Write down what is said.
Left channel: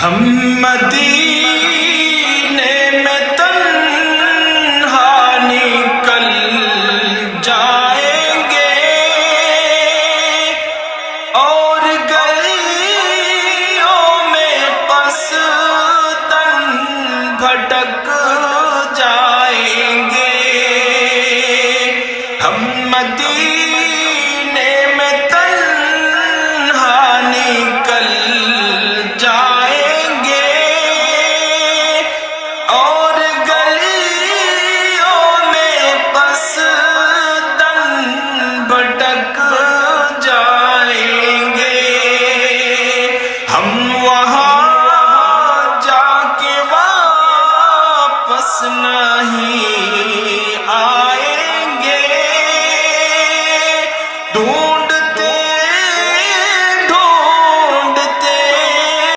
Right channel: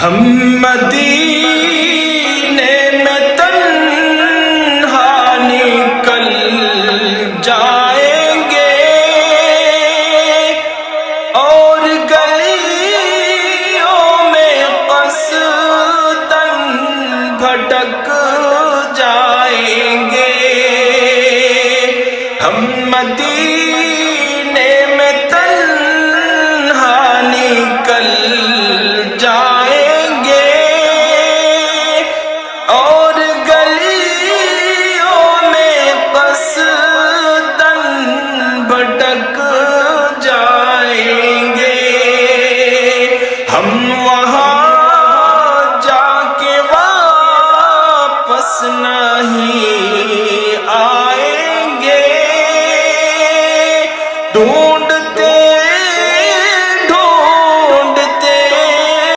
ہم مدینے میں تنہا نکل جائیں گے اور گلیوں میں قصداً بھٹک جائیں گے. ہم مدینے میں تنہا نکل جائیں گے اور گلیوں میں قصداً بھٹک جائیں گے. ہم وہاں جا کے واپس نہیں